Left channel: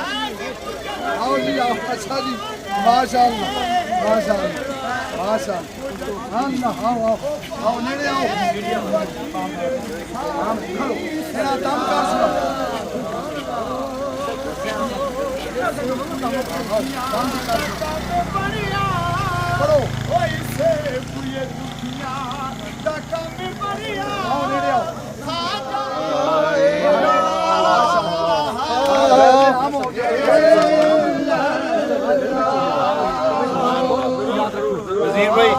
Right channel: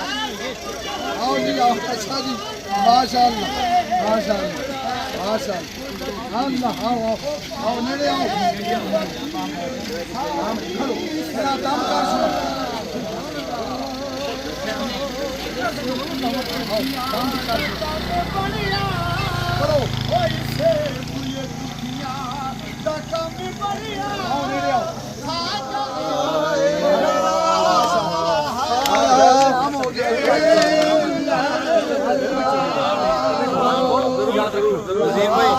आओ जी आओ अच्छा जी माशाअल्लाह माशाअल्लाह माशाअल्लाह अल्लाह आओ आओ आओ नेड़े आओ हम खड़ो मेरा दम कर सुनो खड़ो ओइसे बुए दुखियां दा काम बढ़िया आओ नेड़े आओ नाम हो गया वजीर भाई